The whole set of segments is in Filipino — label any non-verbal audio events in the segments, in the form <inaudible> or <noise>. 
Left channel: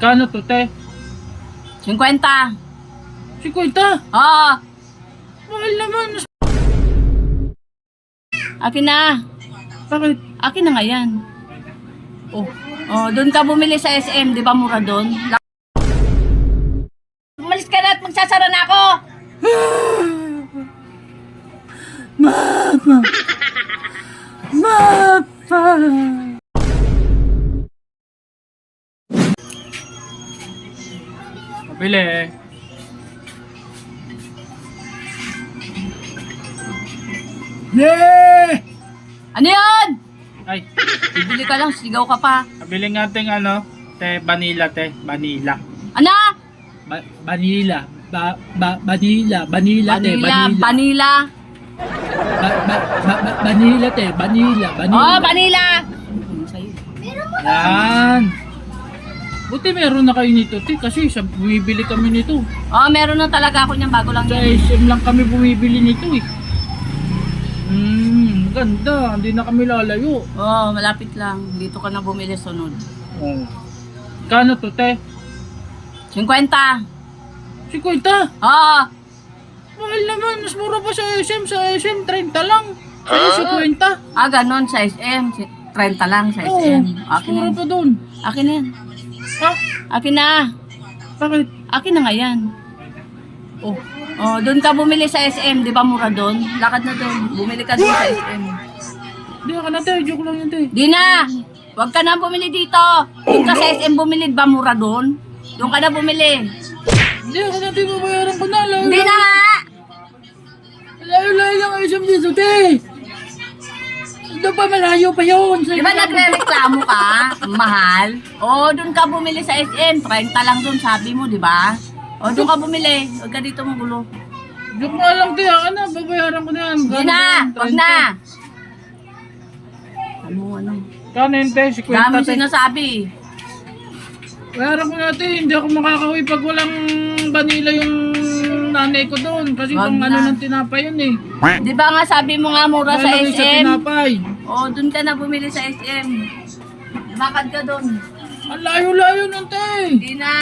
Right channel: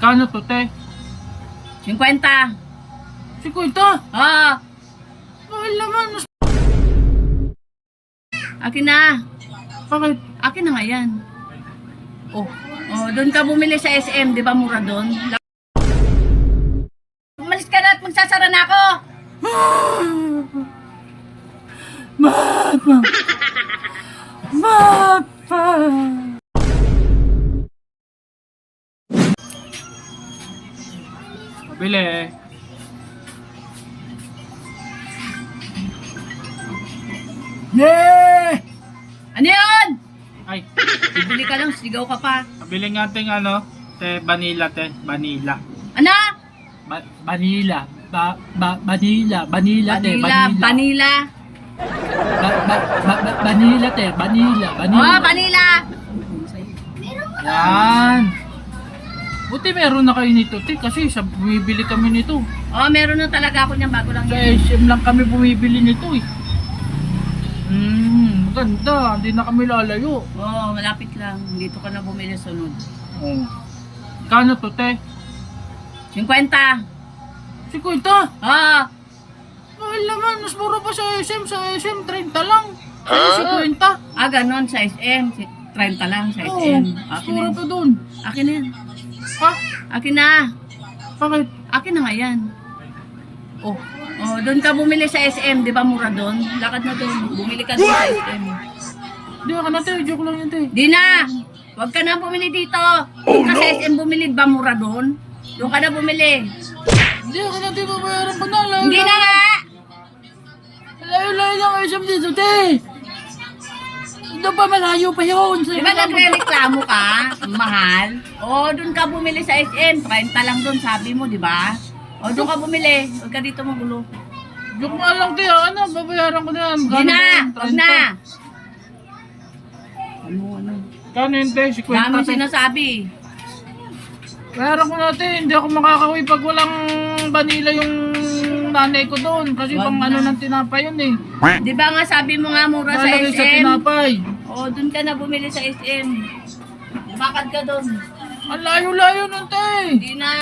Kano to, te? 50. 50. Ah, Mahal naman. Mas... akin na. Bakit? Akin na nga yan. Oh, oh doon ka bumili sa SM, di ba mura doon? Umalis ka na at magsasara na ako. <sighs> Mama! Mama! Pabili. Yeah! Ano yan? Ay, Bibili ka lang, sigaw ka pa. pabili nga ting ano, te, vanilla, te, vanilla. Ano? Ba- vanilla. Ba, ba, vanilla, vanilla, te, Vanilla, vanilla. vanilla. Ba, ba, ba, ba, vanilla, te, vanilla, vanilla. Oh, vanilla. Yan. Buti meron na kayo nito, te, kasi sa bumibili kami nito. Oh, meron na talaga ako niyan bago lang Sa yan. SM lang kami bumibili nito eh. Hmm, ganda. Hindi na kami lalayo. Oh, malapit lang. Dito ka na bumili sunod. Oh. Kano to, te? 50. 50. Ah, Mahal naman. Mas mura pa sa SM. Sa SM, 30 lang. Sa 50. ah ganon sa SM. Si- 30 lang sa Oo. SM. Mas Akin na mura yan. pa dun. Akin na yan. Ha? Akin na. Bakit? Akin na nga yan. Oh, oh doon ka bumili sa SM, di ba mura doon? Lakad na doon. Bumili ka doon sa SM. Hindi ka na, te. Joke lang yun, te. Di na. Huwag ka na bumili dito. Doon ka sa SM bumili, di ba mura doon? Doon ka na bumili. Hindi ka na, te. Babayaran ko na. Hindi na nga. Layo, layo lang SM dito, te. Doon pa malayo pa yun. Sa Di ba nagre-reklamo ka? Mahal. O, doon ka bumili sa SM. 30 lang doon, sabi mo, di ba? O, doon ka bumili. Huwag ka dito magulo. Joke nga lang, te. Ano, babayaran ko na yan. Di na. Huwag na. Ano, ano? Kano yun, te? 50, Dami te. sinasabi. Bayaran ko natin, hindi ako makakauwi pag walang vanilla yung nanay ko doon. Kasi Wag pang ano na. ng tinapay yun eh. Di ba nga sabi mo nga mura sa Lalagay sa SM? tinapay. O, doon ka na bumili sa SM. Lumakad ka doon. Ang layo-layo nun, te. Hindi na.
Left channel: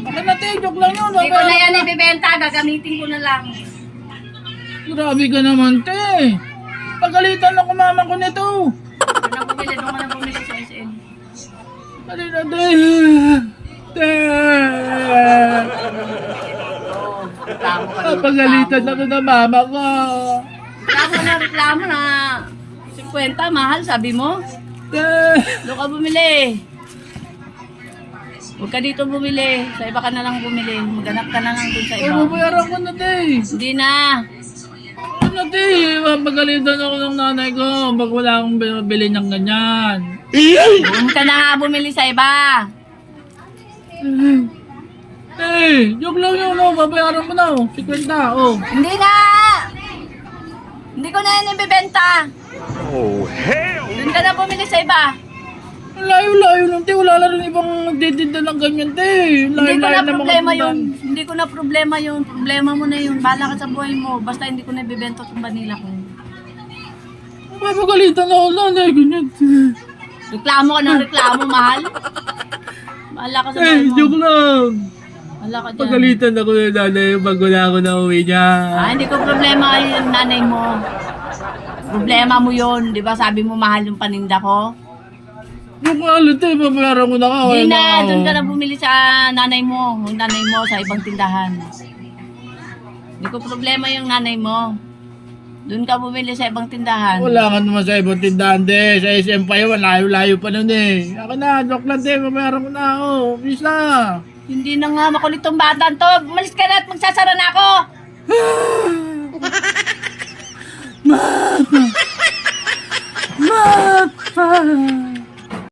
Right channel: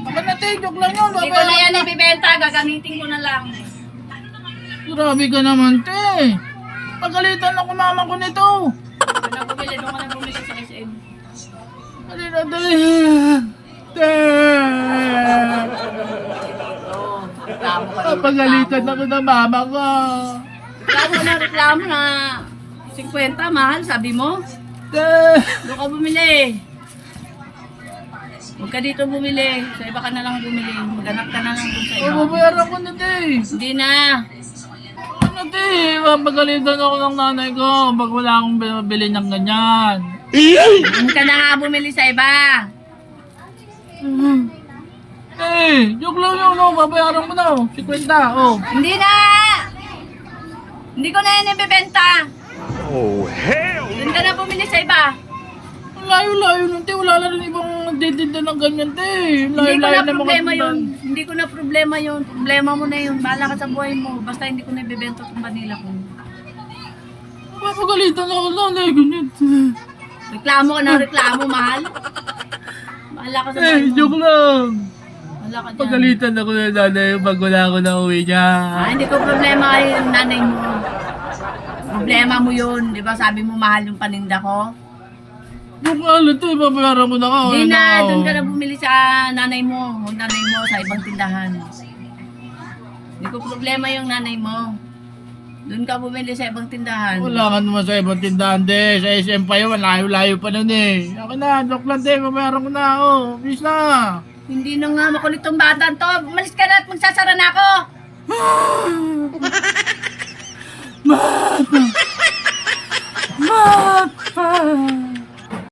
Baka na, te, joke lang yun. Hindi ko na yan ibibenta. Gagamitin ko na lang. Grabe ka naman, te. Pagalitan ako mama ko nito. Doon na bumili, doon ka na bumili sa SM. Dali na, te. Te. Oo, reklamo ka rin. Pagalitan ako ng mama ko. Reklamo na, reklamo na. 50, mahal, sabi mo? Te. Doon ka bumili. Huwag ka dito bumili. Sa iba ka na lang bumili. Maghanap ka na lang dun sa Ay, iba. babayaran ko na, te. Hindi na. Ano, te? Mapagalitan ako ng nanay ko pag wala akong binibili ng ganyan. Huwag ka na nga bumili sa iba. Eh, joke lang yun, no? Babayaran ko na, oh. 50, oh. Hindi na! Hindi ko na yan ibibenta. Oh, hell Doon ka na bumili sa iba. Layo-layo nun, te. Wala na rin ibang nagtitinda ng ganyan, te. Hindi ko Layo-layo na mga problema yun. Hindi ko na problema yun. Problema mo na yun. Bahala ka sa buhay mo. Basta hindi ko na ibibenta itong vanilla ko. Mapagalitan ako ng nanay ko niyan. Reklamo ka na reklamo, mahal. <laughs> Bahala ka sa Eh, buhay mo. joke lang. Bahala ka dyan. Pagalitan ako ng nanay pag wala ako na uwi niya. Ah, hindi ko problema yung nanay mo. Problema mo yun. Di ba sabi mo mahal yung paninda ko? Joke nga lang, te. Babayaran ko na ka. Hindi Wala na. ako. Doon ka na bumili sa nanay mo. Yung nanay mo sa ibang tindahan. Hindi ko problema yung nanay mo. Doon ka bumili sa ibang tindahan. Wala ka naman sa ibang tindahan, te. Sa SM pa yun, layo-layo pa nun eh. Ako na, joke lang, te. Babayaran ko na, oh. Please na. Hindi na nga makulit tong bata to. Umalis ka na at magsasara na ako. <laughs> Mama!